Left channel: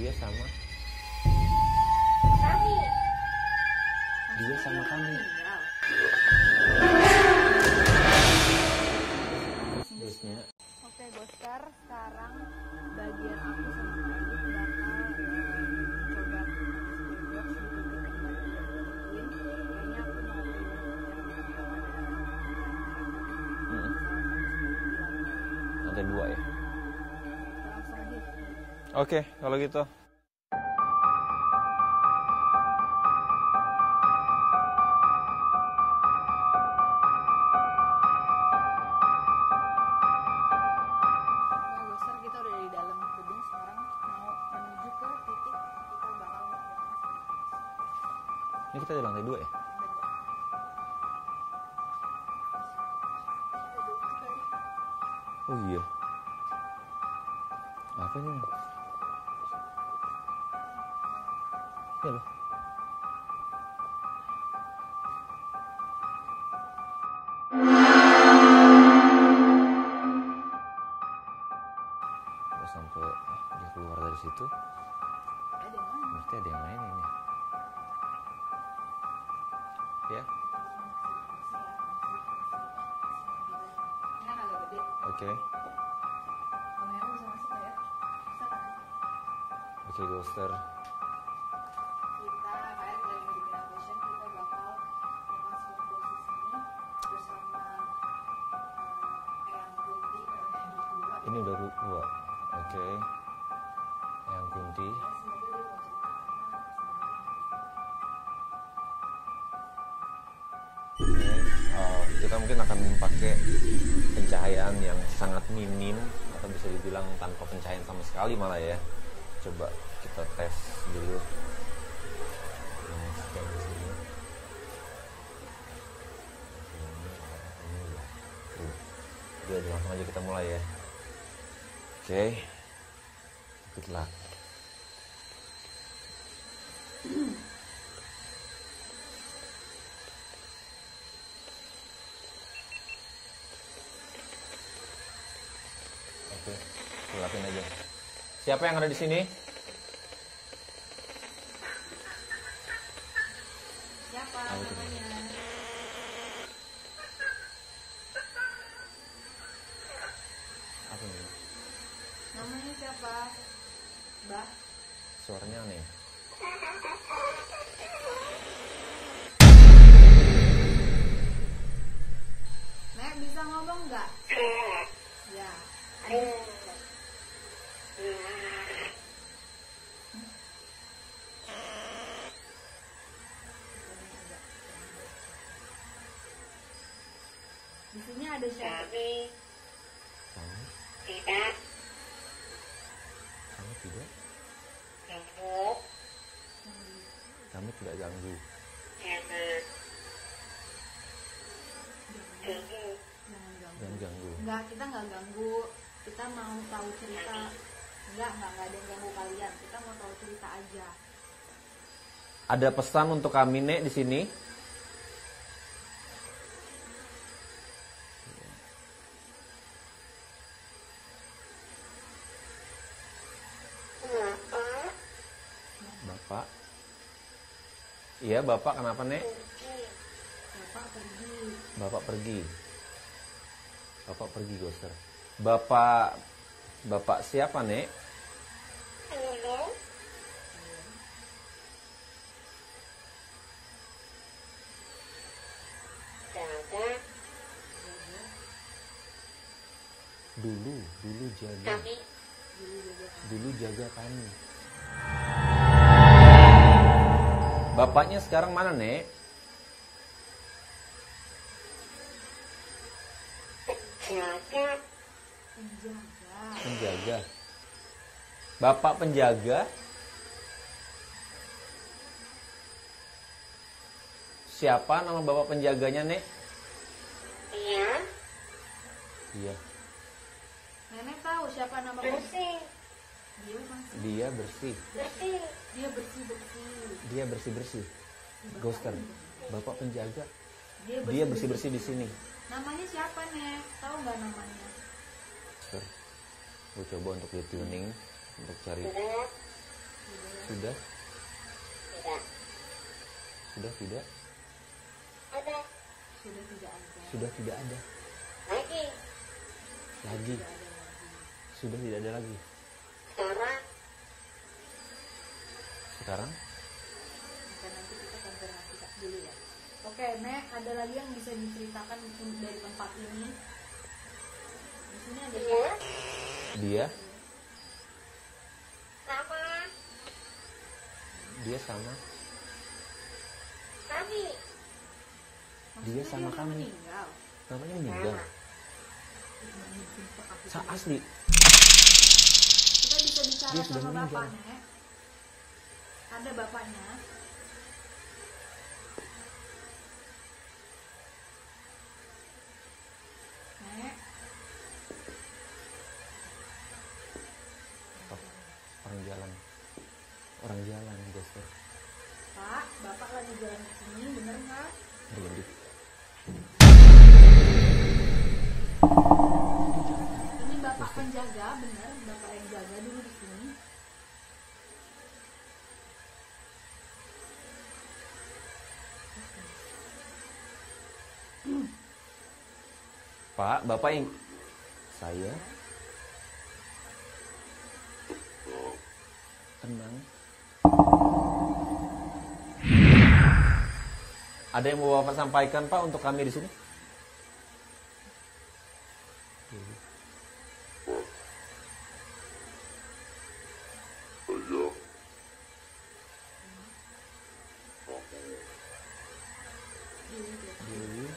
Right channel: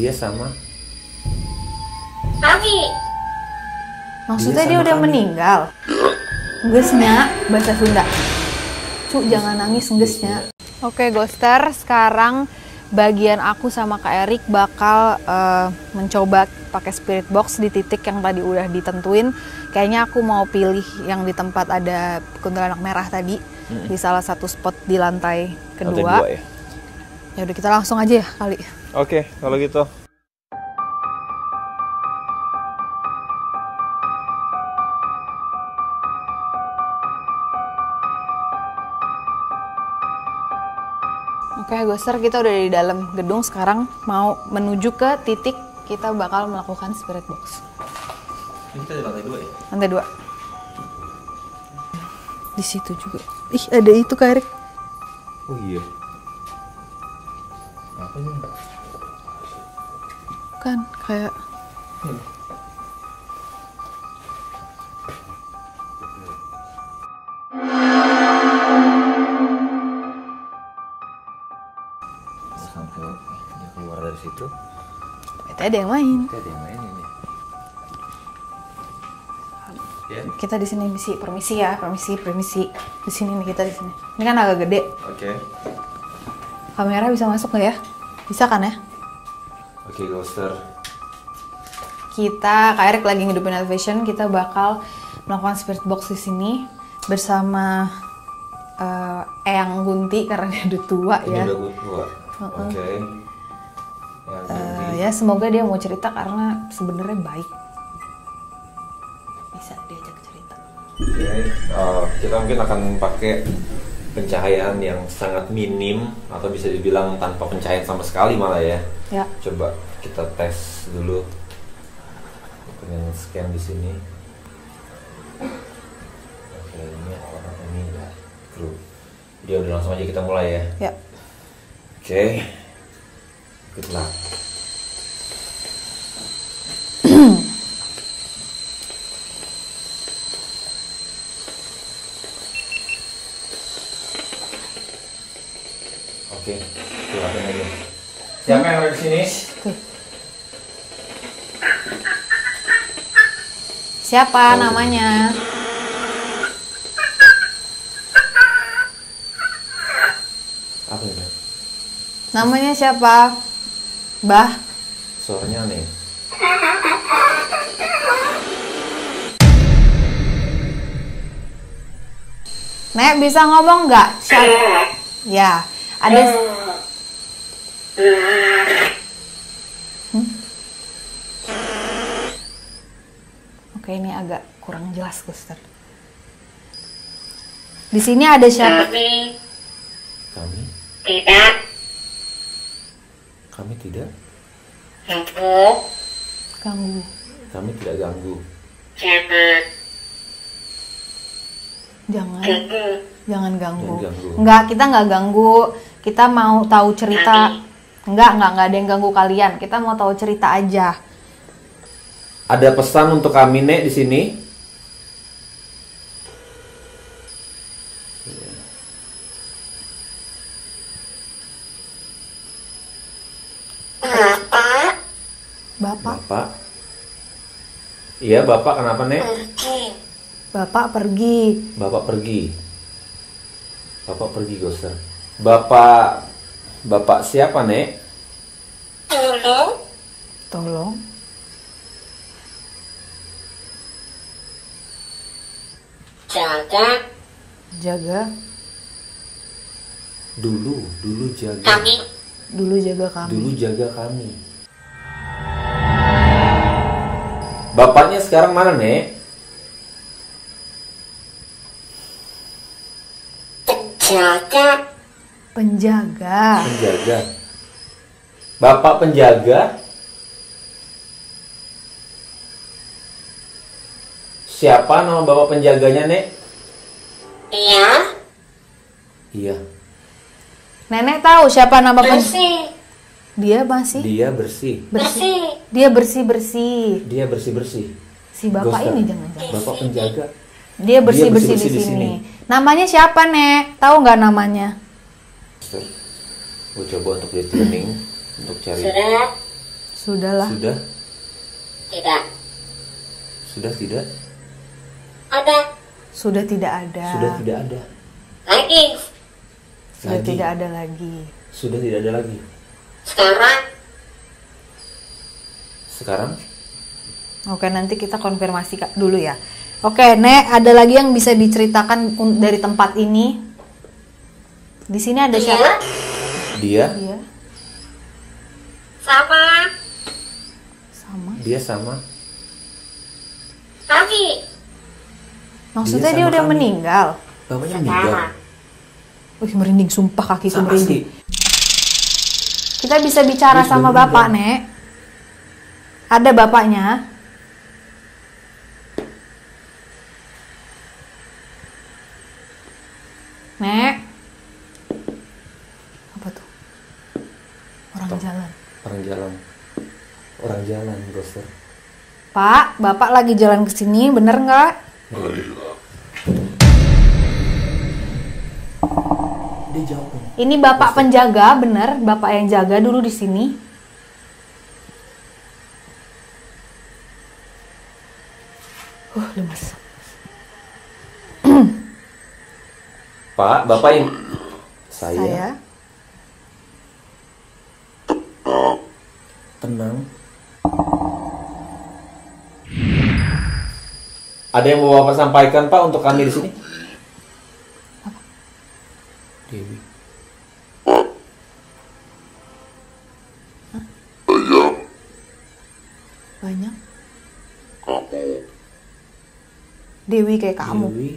Dia sama Kami. Maksudnya dia udah meninggal? Ngesnya, bahasa Sunda. Cuk, jangan nangis ngesnya. Oke, Ghoster, sekarang bagian aku sama Kak Erik bakal mencoba pakai spirit box di titik yang tadi udah ditentuin. Kayaknya aku mau pilih yang di tempat ada kuntilanak merah tadi, di salah satu spot di lantai kedua. ya? Ya udah, kita langsung aja ya kali. Oke, kalau gitu. Oke, Ghoster, kita udah di dalam gedung. Sekarang mau menuju ke titik kita bakal melakukan spirit box. Ini kita di lantai 2 ya? Lantai 2. Di situ juga. Ih, ada itu Kak Erik. Oh iya. Apa ini? Kan kayak Sampai dia keluar dari situ. itu ada yang main. Kita ada yang main ini. Ya. Kita di sini permisi ya, permisi. Di sini nih, kita di sini. Ini kan agak gede. Oke. Kamera bisa masuk nggak ya? Bisa kan ya? Oke, Ghoster. Kita, Kak Erik lagi ngidupin elevation, kita bakal melakukan spirit box di sini bersama Eyang Gunti karena dia udah tua ya. Ini udah tua. Oke. Yang tinggi. Ya semoga dia mau cerita karena sebenarnya baik. Bisa diajak cerita. Oke, kita mungkin akan pakai pencahayaan yang sangat minim atau bisa dibilang tanpa pencahayaan sama sekali malah ya. Ya. Coba kita tes dulu dengan scan di sini. Oke, ini orang ini ya. Dia udah langsung aja kita mulai ya. Ya. Oke, good luck. Oke, silakan aja. Siapa yang ada di sini? Siapa namanya? Apa itu? Namanya siapa? Bah. Suaranya aneh. Nek, bisa ngomong nggak? Siapa? Ya, ada. Oke, ini agak kurang jelas, Ghoster. Di sini ada siapa? Kami Kami? tidak Kami tidak? ganggu. Ganggu. Kami tidak ganggu. Jangan Jangan. ganggu. Jangan ganggu. Jangan ganggu. Enggak, kita nggak ganggu. Kita mau tahu cerita. Enggak ada yang ganggu kalian. Kita mau tahu cerita aja. Ada pesan untuk kami, Nek, di sini. Bapak, Bapak. Iya, Bapak kenapa, Nek? Pergi. Bapak pergi. Bapak pergi. Bapak pergi, Ghoster. Bapak siapa, Nek? Tolong Tolong. jaga Jaga. Dulu jaga. kami. Dulu jaga kami. Dulu jaga kami. Bapaknya sekarang mana, Nek? Penjaga. Penjaga. Penjaga. Bapak penjaga. Siapa nama bapak penjaganya, Nek? Iya. Iya. Nenek tahu siapa nama Bersih. Dia masih Dia bersih. Bersih. Dia bersih-bersih. Dia bersih-bersih. Si bapak Ghoster. ini jangan-jangan. Bapak penjaga. Dia bersih-bersih di bersih-bersih di sini. sini. Namanya siapa, Nek? Tahu nggak namanya? Gue coba untuk dia tuning untuk cari Sudah. Sudahlah. Sudah? Tidak. Sudah tidak? Ada. Sudah tidak ada. Sudah tidak ada. Lagi. Sudah Lagi. tidak ada lagi. Sudah tidak ada lagi. Sekarang. Sekarang? Oke, nanti kita konfirmasi dulu ya. Oke, Nek, ada lagi yang bisa diceritakan dari tempat ini? Di sini ada Iya. siapa? Dia? Iya, Sama. sama. Dia sama? Kami. Maksudnya Dia dia sama udah kami. meninggal. Bapaknya Sama. meninggal? Wih, merinding, sumpah kakiku Sama merinding. sih. Kita bisa bicara Dia sudah sama meninggal. bapak, Nek. Ada bapaknya. Nek. Apa tuh? Orang Tok. jalan. Orang jalan. Orang jalan, Ghoster. Pak, bapak lagi jalan ke sini, bener nggak? Dia jawab. Ini bapak penjaga, bener? Bapak yang jaga dulu di sini. Lemas. Pak, Bapak yang... Saya. Tenang. Ada yang mau Bapak sampaikan, Pak, untuk kami di sini? Dewi. Banyak. Dewi kayak kamu. Dewi.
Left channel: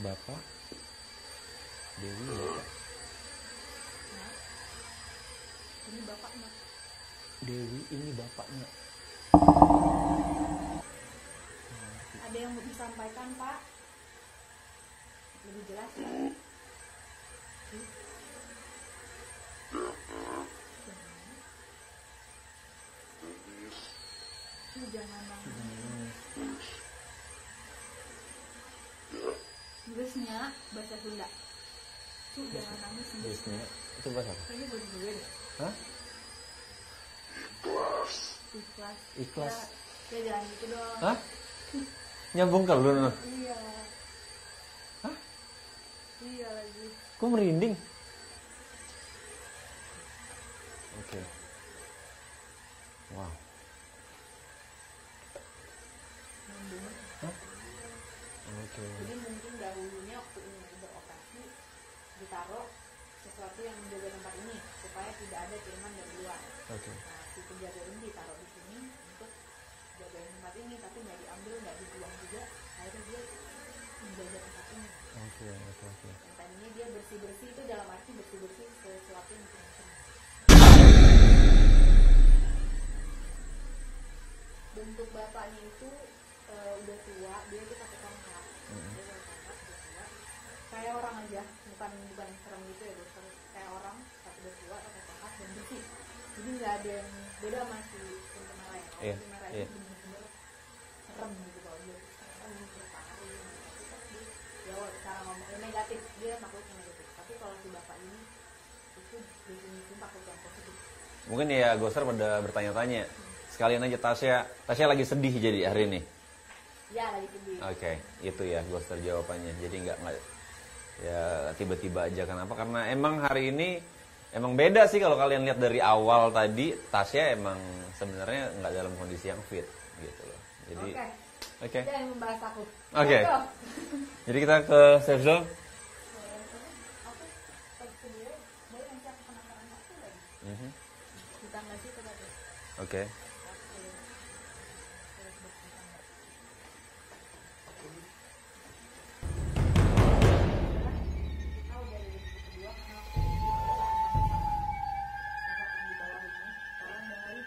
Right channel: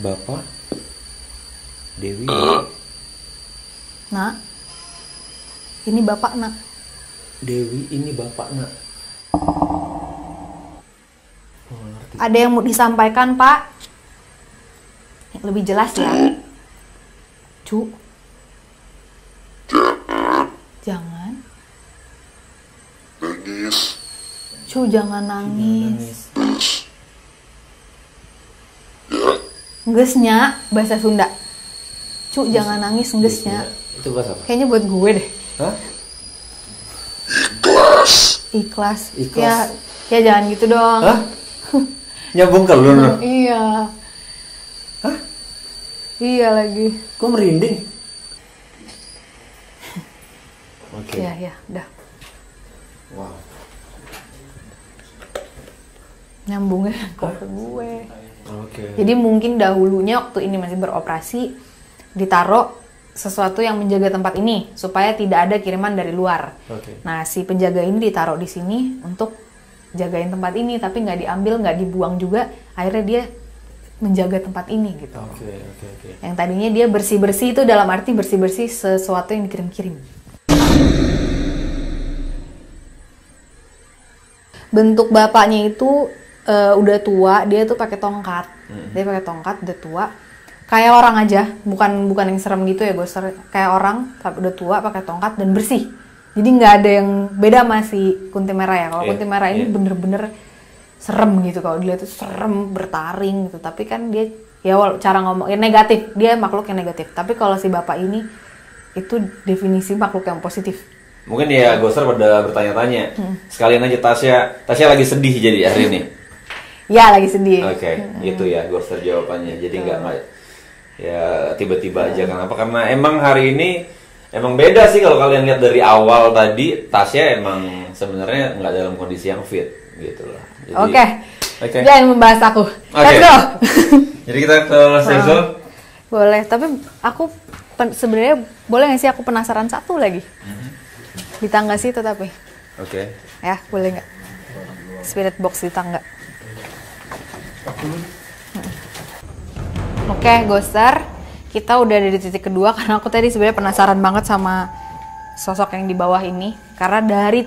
Bapak. Dewi. Nak. Ini bapak, Nak. Dewi, ini Bapak, nak. Ada yang mau disampaikan, Pak? Lebih jelas ya. Cu. Jangan. Cu, jangan nangis. Ngesnya bahasa Sunda. Cu, jangan nangis, ngesnya. Itu bahasa apa? Kayaknya buat gue deh. Hah? Ikhlas. Ikhlas. Ya jangan gitu dong. Hah? Nyambung ke lu, Nur? Iya. Hah? Iya lagi. Kok merinding? Oke. Iya, udah. Wow. Nyambungnya kok ke gue. Oke. Jadi mungkin dahulunya waktu ini masih beroperasi, ditaruh sesuatu yang menjaga tempat ini supaya tidak ada kiriman dari luar. Oke. Nah, si penjaga ini ditaruh di sini untuk jagain tempat ini, tapi nggak diambil, nggak dibuang juga. Akhirnya dia menjaga tempat ini gitu. Oke. Yang tadinya dia bersih-bersih itu dalam arti bersih-bersih sesuatu yang dikirim-kirim. Bentuk bapaknya itu udah tua, dia tuh pakai tongkat. Dia pakai tongkat, udah tua. Kayak orang aja, bukan yang serem gitu ya, Ghoster. Kayak orang, tapi udah tua, pakai tongkat dan bersih. Jadi nggak ada yang beda sama si Kunti Merah ya. Kalau Kunti Merah ini bener-bener serem gitu. Kalau dilihat tuh serem, bertaring gitu. Tapi kan dia, ya cara ngomong, ya negatif. Dia makhluk yang negatif. Tapi kalau si bapak ini, itu definisi makhluk yang positif. Mungkin ya Ghoster pada bertanya-tanya. Sekalian aja Tasya lagi sedih jadi hari ini. Ya, lagi sedih. Oke, itu ya Ghoster jawabannya. Jadi nggak ya tiba-tiba aja. Kenapa? Karena emang hari ini emang beda sih kalau kalian lihat dari awal tadi. Tasya emang sebenarnya nggak dalam kondisi yang fit gitu lah. Oke. Jangan membahas aku. Let's go. Jadi kita ke Sezon. Boleh, tapi aku sebenarnya boleh nggak sih aku penasaran satu lagi? Di tangga situ tapi. Oke. Ya, boleh nggak? Spirit box di tangga. Oke, Ghoster, kita udah ada di titik kedua karena aku tadi sebenarnya penasaran banget sama sosok yang di bawah ini. Karena dari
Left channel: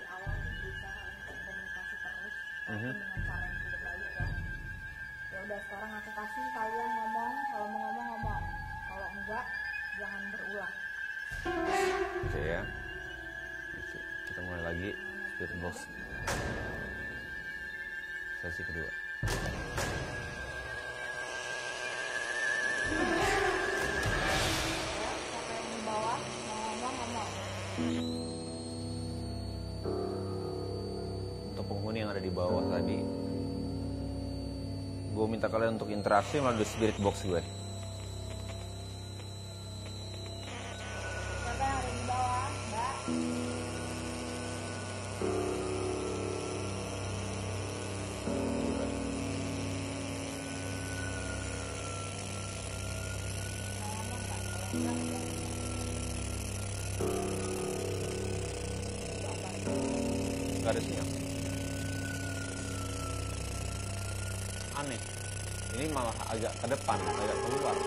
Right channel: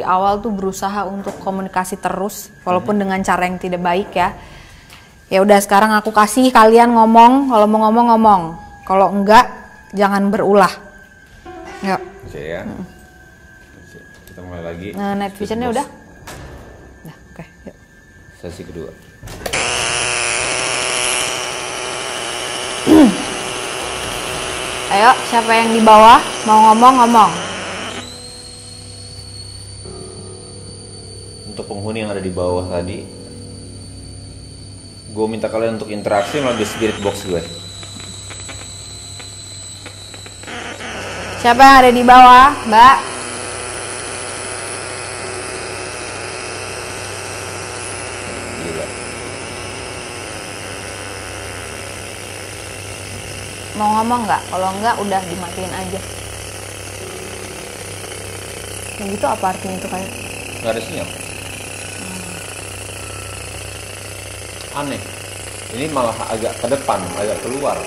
awal tuh berusaha untuk komunikasi terus, walaupun dengan cara yang tidak baik ya. Ya udah, sekarang aku kasih kalian ngomong, kalau mau ngomong, kalau enggak jangan berulah. Yuk. Oke ya. Kita mulai lagi. Nah, night visionnya udah? Nah, oke, yuk. Sesi kedua. Ayo, siapa yang di bawah mau ngomong? penghuni yang ada di bawah tadi. Gue minta kalian untuk interaksi melalui spirit box gue. Siapa yang ada di bawah, Mbak? Gila. Mau ngomong nggak? Kalau nggak udah dimatiin aja. Yang gitu apa artinya itu kayak? Nggak ada sinyal. Aneh. Ini malah agak ke depan, agak keluar.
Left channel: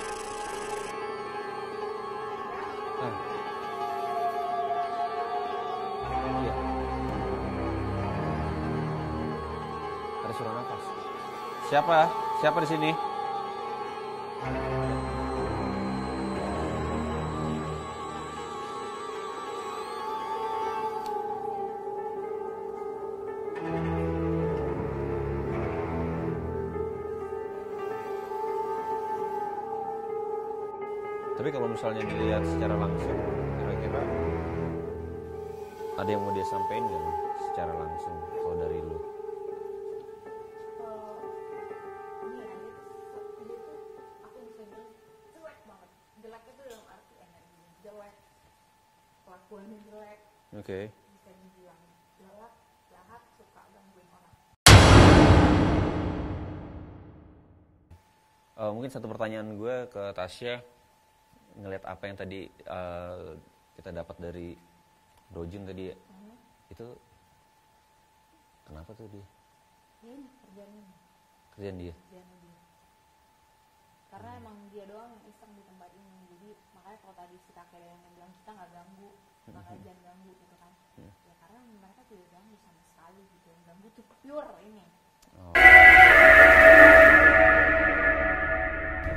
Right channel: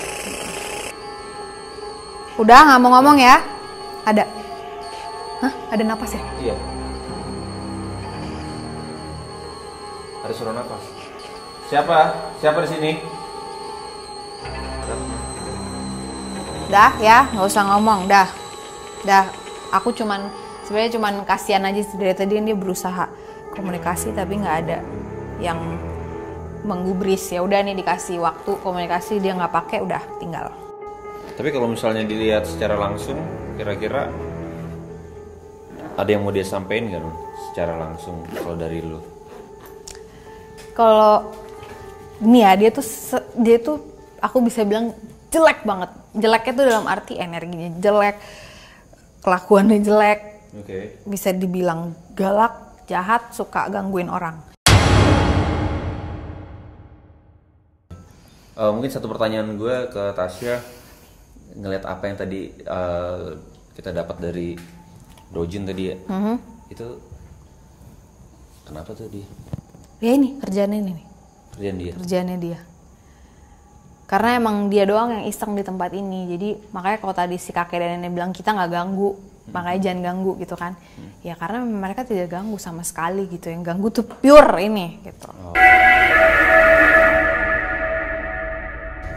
Udah nggak mau ngomong ya? Ada? Hah? Ada napas ya? Iya. Ada suara nafas. Siapa? Siapa di sini? Dah ya, nggak usah ngomong, dah. Aku sebenarnya cuman kasihan aja sih, dari tadi dia berusaha komunikasi tapi nggak ada yang menggubris. Ya udah nih, dikasih waktu komunikasi dia nggak pakai, udah tinggal. Tapi kalau misalnya dilihat secara langsung, kira-kira ada yang mau dia sampein nggak, secara langsung kalau dari lu? Kalau ini ya, dia tuh aku bisa bilang jelek banget. Jeleknya tuh dalam arti energinya jelek, kelakuannya jelek. Oke. Bisa dibilang galak, jahat, suka gangguin orang. Mungkin satu pertanyaan gue ke Tasya, ngeliat apa yang tadi kita dapat dari Dojin tadi ya. Itu kenapa tuh dia? Ya ini kerjaannya ini nih. Kerjaannya dia. Karena emang dia doang yang iseng di tempat ini. Jadi makanya kalau tadi si kakek dan nenek bilang kita nggak ganggu, makanya jangan ganggu gitu kan. Ya karena mereka tidak ganggu sama sekali gitu. Yang ganggu tuh pure ini gitu.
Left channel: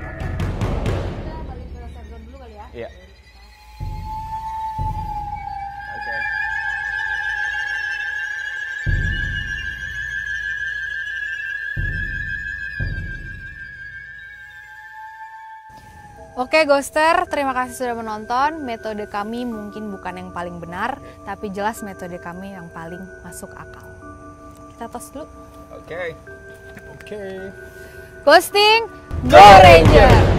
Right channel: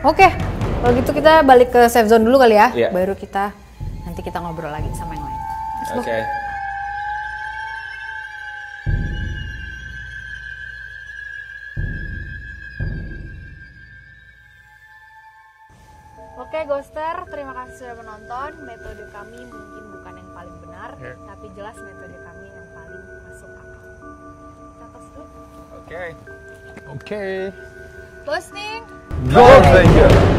Oke, kalau gitu kita balik ke safe zone dulu kali ya. Yeah. Baru nanti kita ngobrol lagi sama yang lain. Oke. Oke Ghoster, terima kasih sudah menonton. Metode kami mungkin bukan yang paling benar, tapi jelas metode kami yang paling masuk akal. Kita tos dulu. Oke. Ghosting, Go Ranger!